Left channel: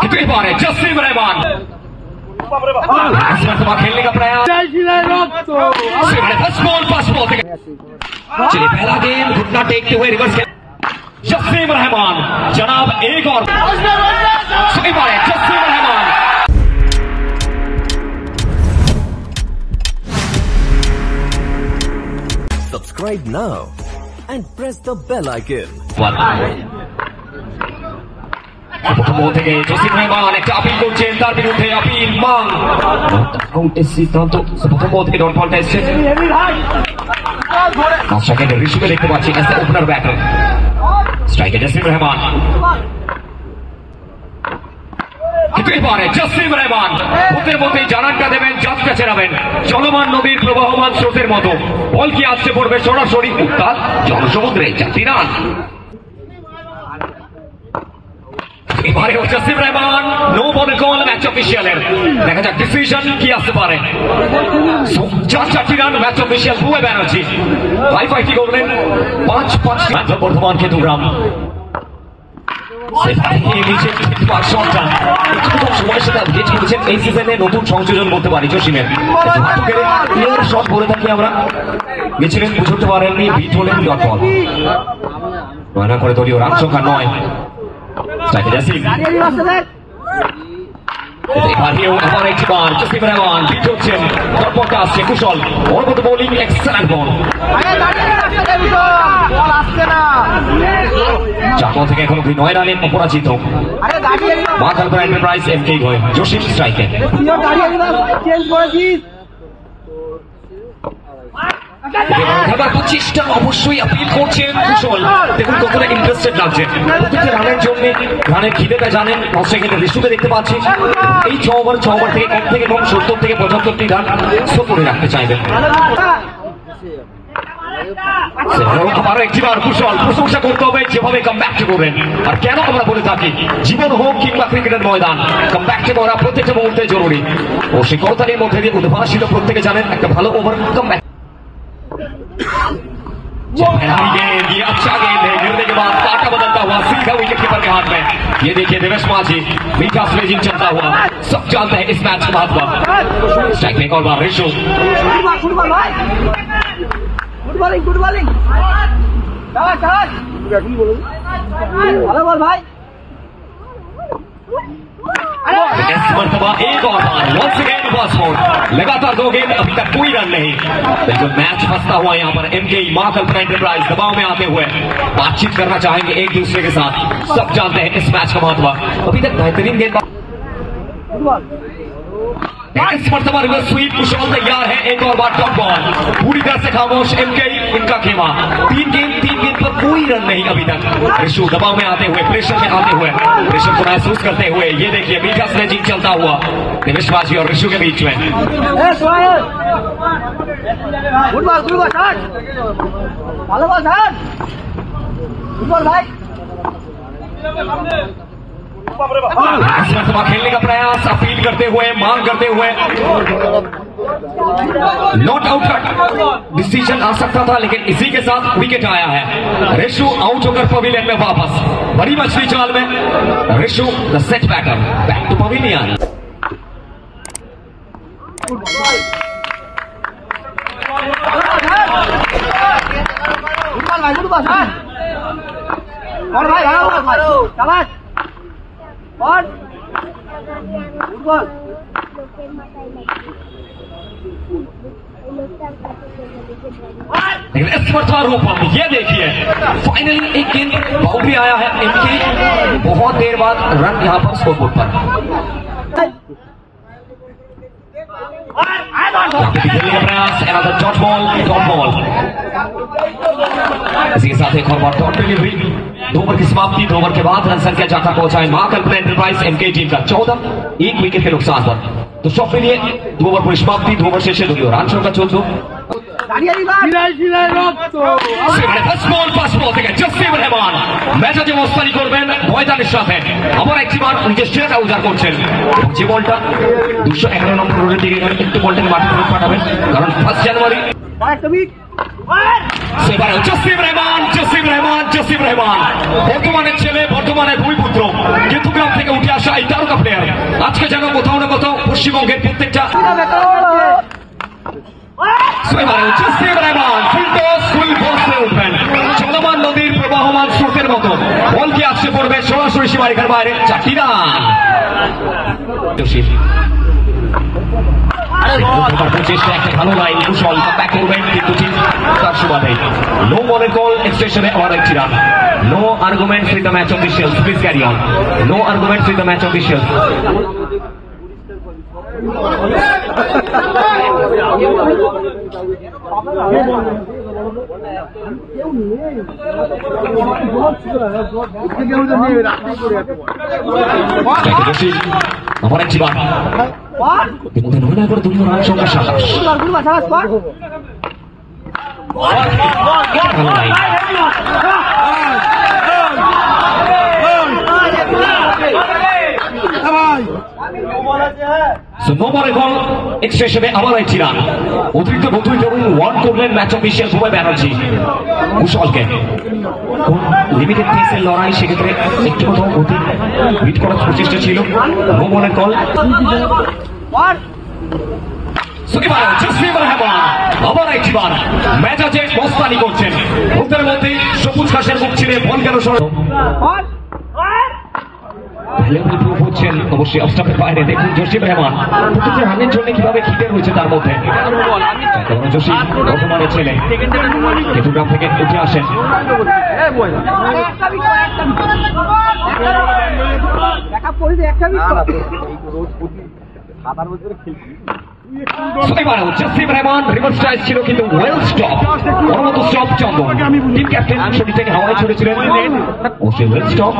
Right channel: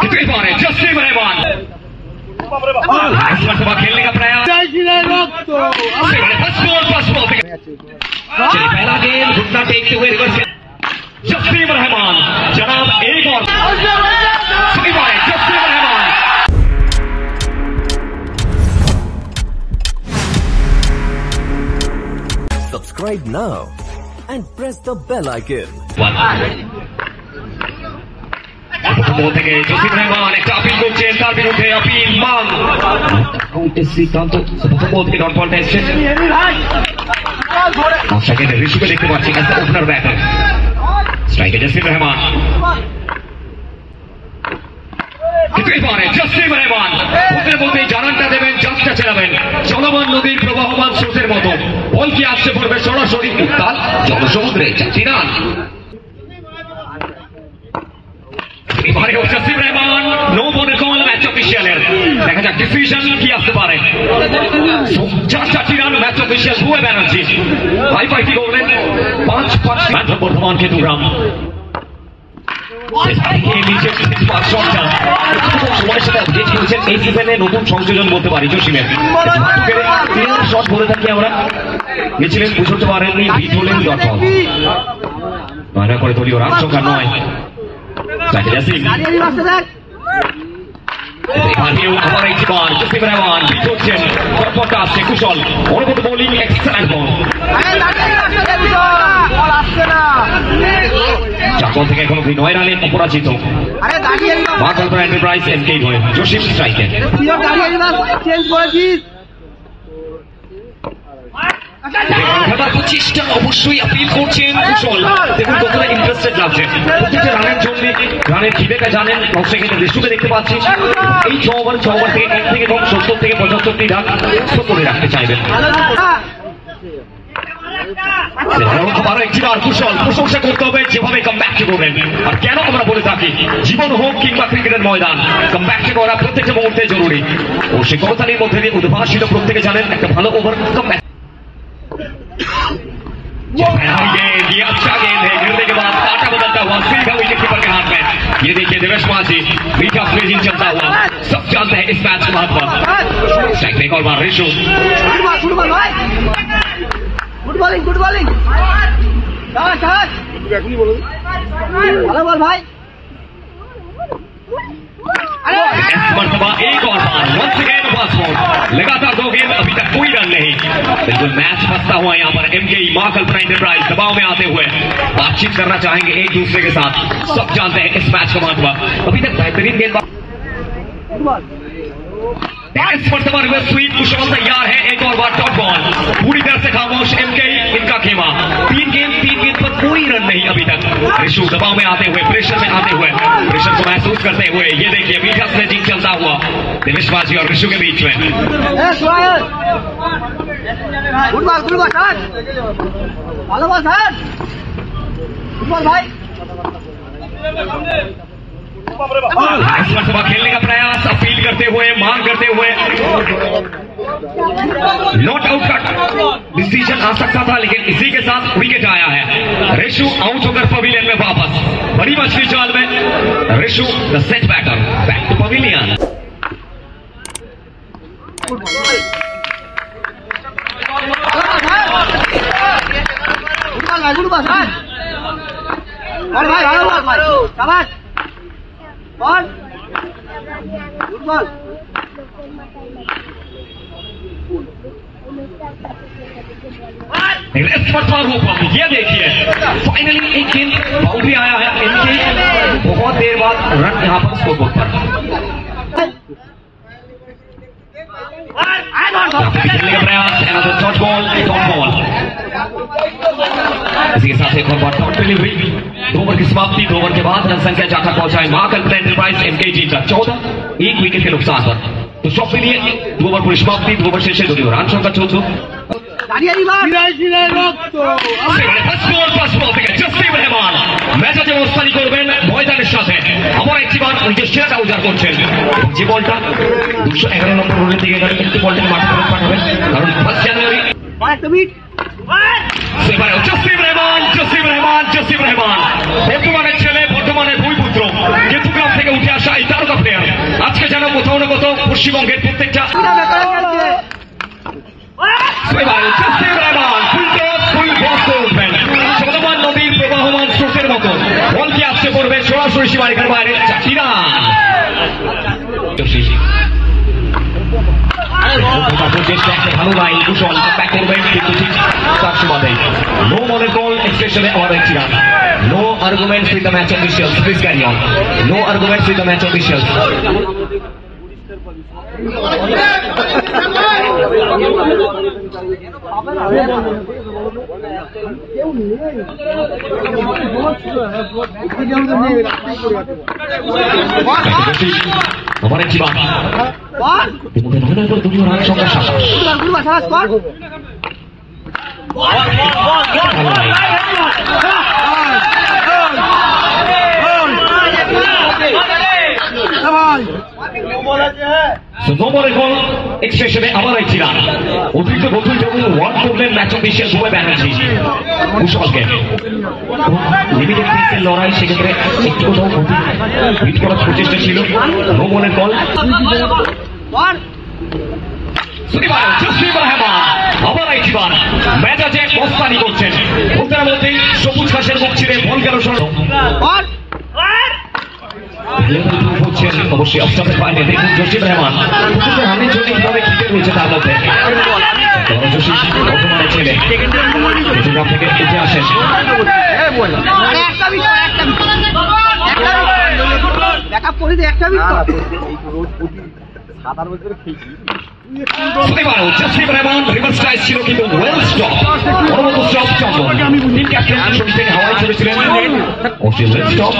कितनी बार है जसीम रहमान इस मरतबा खेलने का प्रयास चलिए पहला गेम घुटना टेकते हुए रिवर्स जसीम रहमान जनाब एक और सही बात है Jasim Rahman Subscribe now and press the bell icon. থেকে জসিম রহমান একটা আপিল করছেন তার বিরুদ্ধে আপিল মান কাউন্টের সিদ্ধান্ত প্রথম থেকে ডট বলটা এসছে সেকেন্ডে ঋষুকে দেখতে পাচ্ছি ওপেনার ব্যাটার স্ট্রাইকে জসিম রহমান কিতনি বার है জসিম রহমান ওদের মধ্যে জানানটা দেবেন যাত্রা চালাবেন চলমান নদীর প্রবাহমান স্রোতের মতো বল কি আসছে পড়বে সরাসরি উত্তাল জনসমুদ্রে যাত্রী রান এবারে জসিম রহমান নো বলের কল ম্যাচ অফিসিয়ালের দেখা যাক ডিসিশন কি আসতে পারে চারটি রান ম্যাচ অফিসিয়াল বুয়ে ব্যানার্জি ভাই ফাইটি করলেন 5-5 বর্ধমান কেতুগ্রাম এই সিজনে নতুন সংযোজন বলতে পারি জসিমের শট বলে থাকি আমরা মিছিলেন বুঝতে পারেননি বিট হলেন ডট বল নয়না করে দলীয় রান সংখ্যা 9 জসিম আবার একবার জসিম রহমান বিট হচ্ছেন বলটা আসছে কুশল অনুভূত বোলিং এক্সেলেন্ট বল চাকর থেকে এখনো 9 রানে অপরাজিত মা কল্পনা এন্টারপ্রাইজ এমকে হয়ে জসিম স্ট্রাইকে এবার 25টা অবশ্যই আপিল করছেন কুশল দেখুন কতটা ইন্টারেস্টেড লাগছে প্রতিটা রানের জন্য রানের খিদেটা জানেন সেকেন্ডে ঋষুকে দেখতে পাচ্ছি এই 6 ওভার থেকে কম 70 থেকে 75টি রান করে রাখতে চাইবেন আরো একটিবার কুশল প্রশংসা করতে হবে যেভাবে কামব্যাক করবেন আর কেন আমরা বলে থাকি জীবন হোক কিংবা ক্রিকেটের ময়দান কামব্যাক করা প্রত্যেকটা মুহূর্তে জরুরি ও সেই করতালির মধ্যে দিয়ে উদ্ভাসিত প্রত্যেকে জানেন একটা ভালো ওভার কামব্যাক ये अच्छा गेंद है गिरने के बाद पाटा बदलता हुआ सीधा विकेट कीपर के हाथ में ये देखिए दिवेश माझी मीठा स्लेजिंग चलता हुआ सब जानते हैं इस मैच के महत्व स्ट्राइक में एक और बार Rishu good bowling hello ball भाई इस मरतबा एक और बार वंस अगेन पासपोर्ट लगातार 2 गेंद अभी तक कोई रन नहीं बिल्कुल मैच फंसता हुआ यहाँ पर एमके मां कल्पना एंटरप्राइज दबाव में आते हुए बातचीत करना चाहेंगे एक दूसरे के साथ सब जानते हैं इस मैच का महत्व अभी तक बेहतरीन गेंद इस मरतबा रिवर्स स्वीप कुशल तैयार है एक और बार डॉट बॉल पूरी तरह से खामोश एमके इनका खेमा 3 गेंद पर कोई रन नहीं अभी तक ऋषु दबाव में आते हुए प्रेशर में आते हुए प्रेशर को महसूस करते हुए ये देखिए मीठा स्लेजिंग चलता हुआ दिनेश माझी और ऋषु के बीच में भाई इस मरतबा खेलने का प्रयास अपील करते हुए मांग करते हुए नॉट आउट का डिसीजन आ सकता था लेकिन इसी के साथ विकेट आया है ऋषु आउट होकर पवेलियन में वापस बड़ी मछली जाल में Rishu the set batter back to pavilion ये देखिए फाइनली एक गेंद बाउंड्री आया है इनके बहुत देर बाद रन यहां पर स्कोरबोर्ड पर डॉट बॉल इसी के साथ एक और डॉट डिलीवरी 2 ओवर की समाप्ति 2 ओवर के बाद रन संख्या जाकर पहुंचाए मां कल्पना एंटरप्राइज एमके टीम का 14 एक विकेट के नुकसान पर तो शॉट के लिए 2 ओवर पूरी समाप्ति 2 ओवर शेष दो रान संख्या 14 জসিম রহমান ম্যাচে অবস্থানি করবেন ময়দানের সাথে আবার একটিবার নিজের সেরাটা উজাড় করছেন যে বলটা 211 নম্বর রোডের দিকে গেলে একটু বলটাকে মাঠে পাঠাবেন কারণ 1 জানুয়ারি জসিম রহমান বর্তমানের ছেলে বর্তমানে 2 পুত্র কেতুগ্রাম থেকে উঠে আসা এই তারকা আজকে যেন কোথাও না কোথাও পশ্চিমবঙ্গের প্রত্যেকটা চলমান নদীর প্রবাহমান স্রোতের মতো বলটি আসছে পড়বে সরাসরি সীমারেখার বাইরে 4টি রান। ভালো লাইন কুশল ব্যাক করবেন কিন্তু ঠিক তার সুবাদে নো বলের বল এক্সপ্রেশনে আবার একটি রান। No arguments with the match officials, please carry on. No arguments with the match officials. আবার একটি রান। তুমি রান সংখ্যা 27। এক্সপ্রেশনে আবার একটি রান। অতিরিক্ত গতির জন্য ওয়ার্ড করলেন ম্যাচ অফিশিয়াল ভুবন ব্যানার্জি কুশলকে। লিমিটেড পিসের লড়াই, সেক্ষেত্রে একটু কোথাও গতি হিট করার প্রচেষ্টা ছিল। নো বলের কল। আবার একটি বার মেজাজে মস্তানি করছেন। ওদের মধ্যে সবুজ ঘাসের মুখ ছিঁড়ে বল গেল হচ্ছেন অবশ্যই অফস্টাম্পের বাইরে। দেখুন জসিম রহমান প্রতিটি রানের জন্য কিভাবে ক্রিকেট রয়েছে তার মধ্যে। জসিম বর্তমানে ছেলে চট্টগ্রাম থেকে উঠে আসেন। জসিম রহমান রিভার্স স্ট্রাইক ছিল কিন্তু ওয়েল স্টপ। পরবর্তী স্টপ চন্দন টিম ক্যাপ্টেন ছবি থেকে হাওয়ায় ছড়েছিলেন। অবশ্যই ওয়েল স্টপ।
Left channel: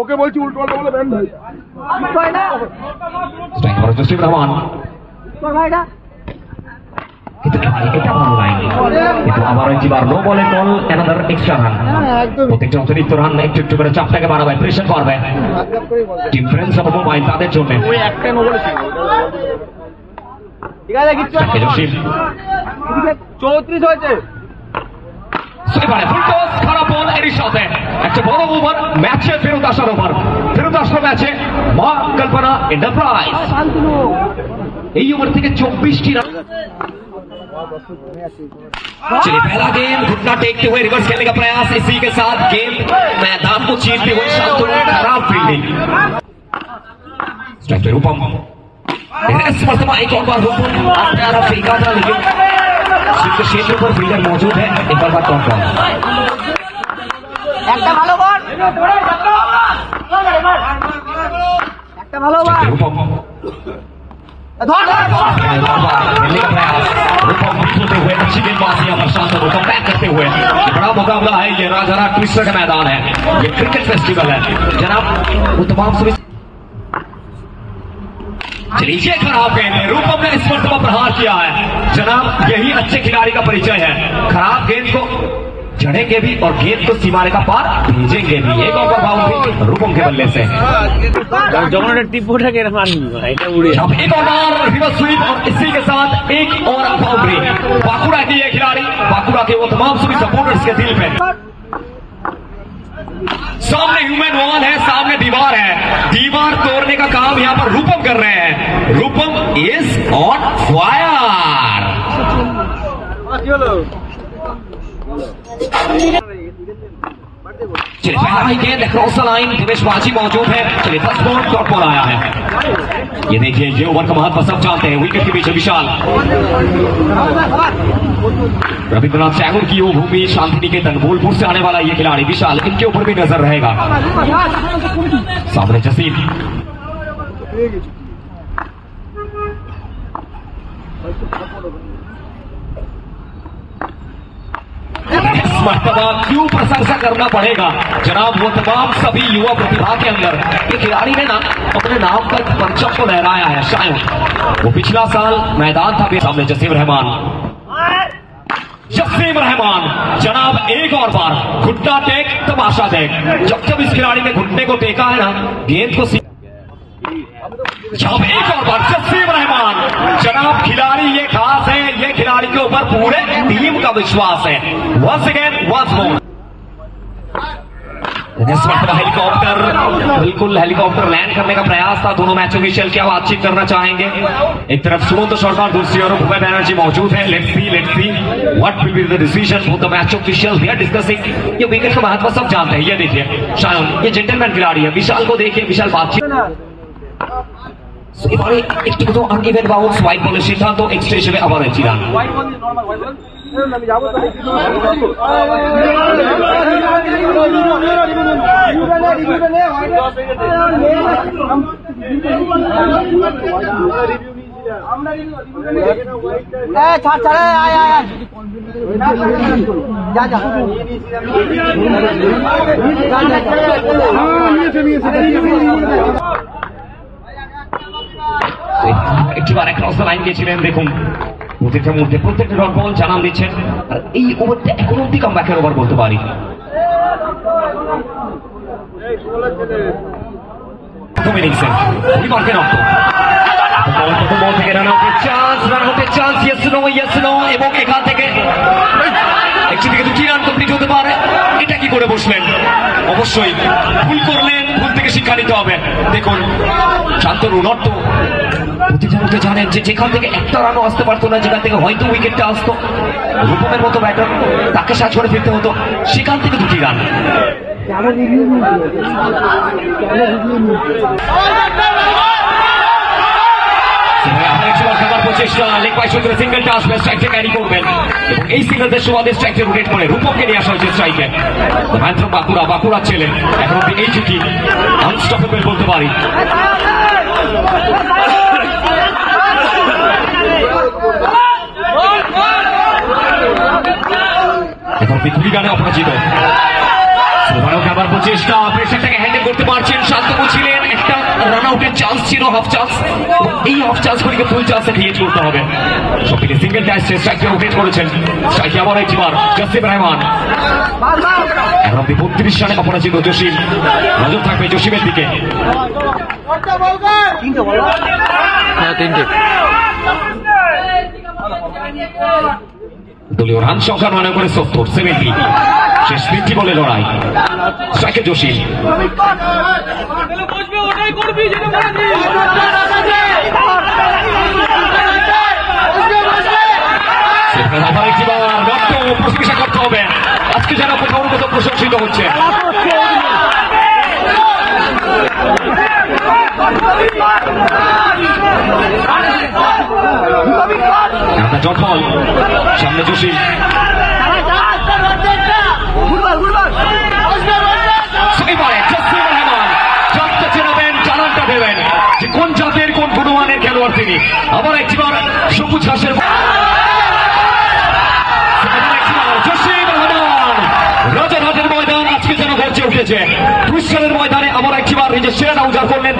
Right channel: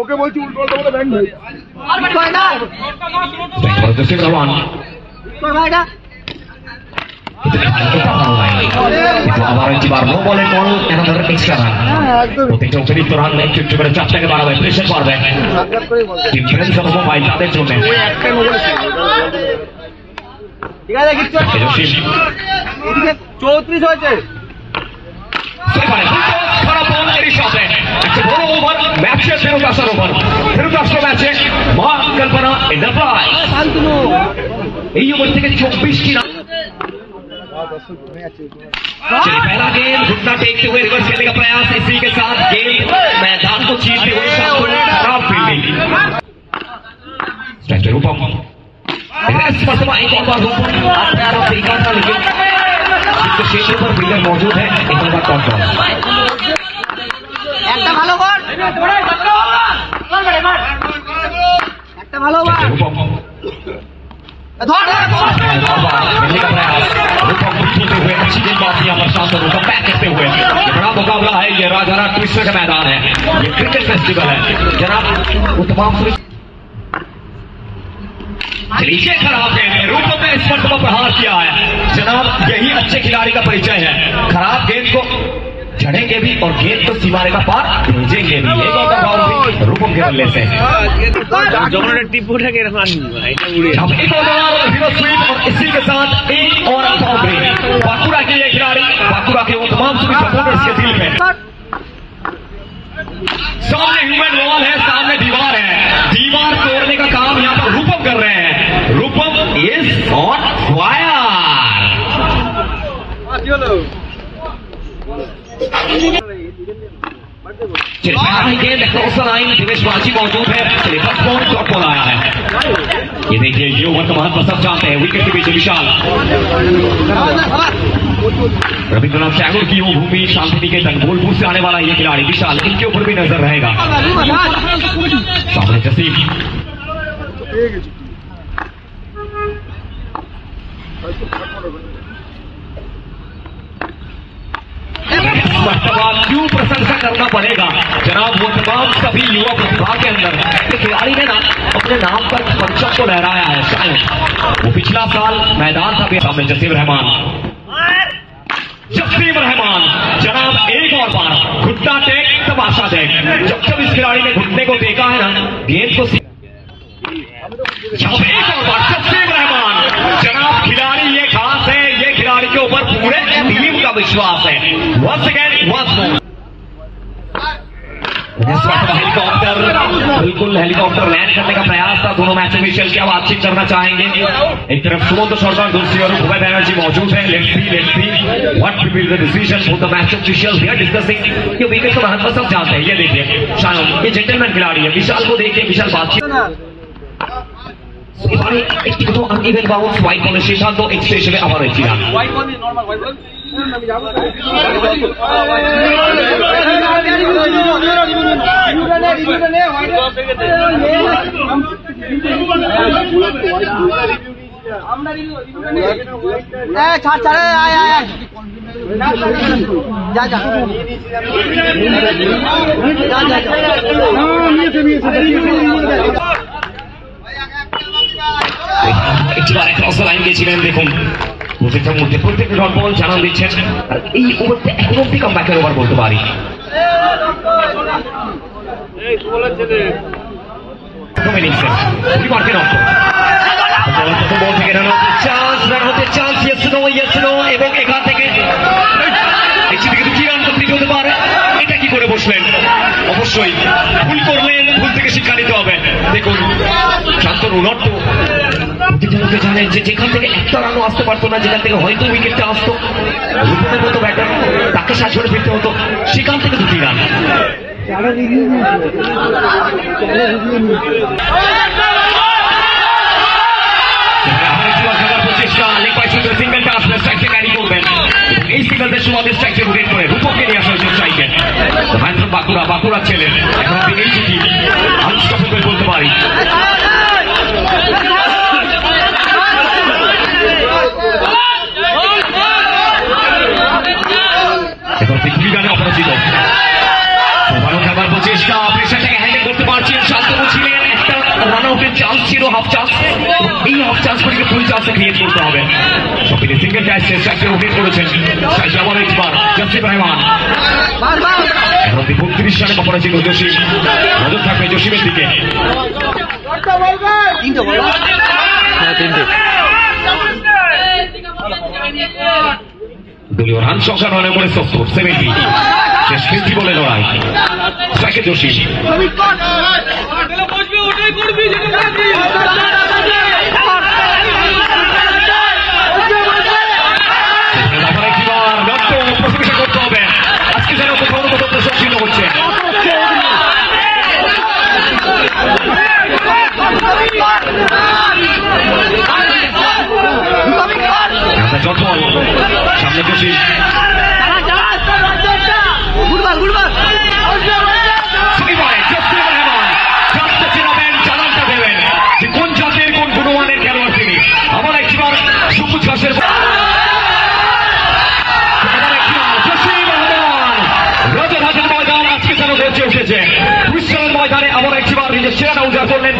ওকে বলছি উল্টো বলে ব্যান্ড জসিম রহমান এটা ভালো লাগে কিন্তু আবার একবার নো বলে বল অ্যানাদার এক্সট্রা রান। প্রত্যেকটা অতিরিক্ত রান একটু একটু করে চাপটাকে বাড়াবে, প্রেশার করবে ডিফারেন্স অফ মোবাইল তাদের জন্য। জসিম 34 হয়েছে। খারাপ বল এরই সাথে একটা বড় ওভার ম্যাচে ফেরত আসার ওভার। ফেরত আসলো ম্যাচে মা কল্পনা এন্টারপ্রাইজ। এই ওভার থেকে 24টি রান। पहला गेम घुटना टेकते हुए रिवर्स खेलने का प्रयास, इसी के साथ गेम मैदान को चीरते हुए शांतनु खराब फील्डिंग। स्ट्राइकर रूपम एक और बार अफ्रीका था, लेकिन उसके क्षेत्र पर फील्डर मौजूद है। एक और बार टॉप बॉल रूपम हुए अच्छी गेंदबाजी यहाँ पर शांतनु को बैक करते हुए। बड़ा मुकाबला है, ये राजारा ट्विस्टर का मैदान है, ये क्रिकेट फेस्टिवल है जनाब। वो तमाम नीचे खराब गेंद है, रूपम ने इस मर्तबा प्रहार किया है जनाब। यही अच्छे खिलाड़ी का परिचय है। खराब गेंद को चढ़ेंगे भी और गेंद को सीमा रेखा पार भेजेंगे भी। एक और बाउंड्री रूपम के बल्ले से। एक और रिवर्स स्वीप और इसी के साथ एक और बाउंड्री। बांकुड़ा की ये खिलाड़ी, बांकुड़ा के वो तमाम सभी सपोर्टर्स के दिल में। सामने ह्यूमन वॉल है, सामने दीवार है, दीवार तोड़ने का काम यहाँ पर रूपम कर रहे हैं। रूपम इज ऑन फायर। गेंद क्रॉस द लाइन, दिनेश माझी मौजूद है। चलिए फर्स्ट बॉल डॉट बॉल आया है। ये देखिए ये ओवर का महत्व सब जानते हैं। विकेट के पीछे विशाल रविंद्रनाथ टैगोर की वो भूमि शांति निकेतन बोलपुर से आने वाला ये खिलाड़ी विशाल, इनके ऊपर भी नजर रहेगा। सामने जसीम मर्तबा क्यों प्रशंसा करना पड़ेगा जनाब वो तमाम सभी युवा प्रतिभा के अंदर खिलाड़ी ने ना अपने नाम पर परचम को लहराया है। शायद वो पिछला साल मैदान था। सामने जसीम रहमान जनाब एक और बार घुटना टेक तमाशा देख। जब जब इस खिलाड़ी ने घुटने को देखा है ना गेंद को जब एक और बार जसीम रहमान जनाब खिलाड़ी ये खास है, ये खिलाड़ी के ऊपर पूरे टीम का विश्वास है। Once again once more helicopter बिल्कुल हेलीकॉप्टर लैंड करने का प्रयास था। दोनों मैच ऑफिशियल क्या बातचीत करना चाहेंगे। एक तरफ सुमंत सरकार, दूसरी ओर भूपेन बैनर्जी मौजूद है। Let's see what will be the decision for the match official. We are discussing. ये विकेट का महत्व सब जानते हैं। ये देखिए शायद ये जेंटलमैन खिलाड़ी है। विशाल को देखिए, विशाल बातचीत এবারে একটি কিন্তু আনইভেন বাউন্স হোয়াইট বলের সিদ্ধান্ত এক্সট্রা হিসেবে আবার একটি run. White ball normal white ball আমি যাব রিভিউটা নে হোয়াইট আমরা রিভিউটা নে ছাড় ছাড় আয় আয় আয় যা যা একটিবার ক্রস লাইন গিয়েছিলেন। দেখুন প্রত্যেকটার মধ্যে প্রত্যেকটা ডট বল জানান দিচ্ছেন। আর এই ওভারটা এখন অব্দি কামব্যাকের ওভার বলতে পারি। প্রথম ইনিংসের পরিবারকে নষ্ট প্রথম বল থেকে রান হতে চান্স ইয়েস নো এবং এখান থেকে দুটি রান কমপ্লিট হতে পারে। এটা কি করে বসলেন? অবশ্যই ভুল করলেন, ভুল থেকে শিক্ষা নিতে হবে। দেখুন শান্তনু নট্ট প্রতিযোগিতা জানেন যে যেখান থেকে একটা রানও আসতে পারতো না, যেখান থেকে হয়তো উইকেটটা আসতো, রূপমের মতো ব্যাটার তাকে সাজ করে ফিরতে হতো, সেখান থেকে দুটি রান। সিঙ্গেলটা আসলে স্ট্রাইকে ক্যারি করবেন এবং এই সিঙ্গেলদের সুবাদে স্ট্রাইকে উইকেট করে রূপমকে নিয়ে আসা হয়েছে স্ট্রাইকে। বাঁকুড়া ছেলে এখন তিনি এই জুটি আনস্টপেবল বলতে পারি। এবার পৃথিবী গানে অপরাজিত এবারও খাবার প্রচেষ্টা, প্রেশারটাকে হ্যান্ডেল করতে পারছেন। শান্তনু ছিলেন, একটা রান আউটের চান্স ছিল, হাফ চান্স। এই হাফ চান্স থেকে ফুল চান্সে ক্রিয়েট করতে হবে। সবথেকে সিঙ্গেল টাইসে স্ট্রাইকে উইকেট করেছেন। স্ট্রাইকে আবার একবার জাসিম রহমান। এখন 32 রানে অপরাজিত জসিম। নজর থাকবে জসিমের দিকে। তিনটে দলীয় রান সংখ্যা 9 করে 70 শেষ 50 বলে লড়াই। স্ট্রাইকে জসিম। আবার একবার নট্ট প্রশংসা করতে হবে। আজকে যেন কোথাও কোথাও প্রশংসিত হচ্ছে। জটবল সামনে জসিম। জানানটা দেবেন যে কোন জাতের কোন গুণমানের খেলোয়াড় তিনি। আবার একবার সবুজ ঘাসের রাজারহাটের ময়দান আজকে যেন গর্জে উঠেছে। পুরস্কারের ময়দানে আবার একবার নিজের সেরাটা উজাড় করলেন।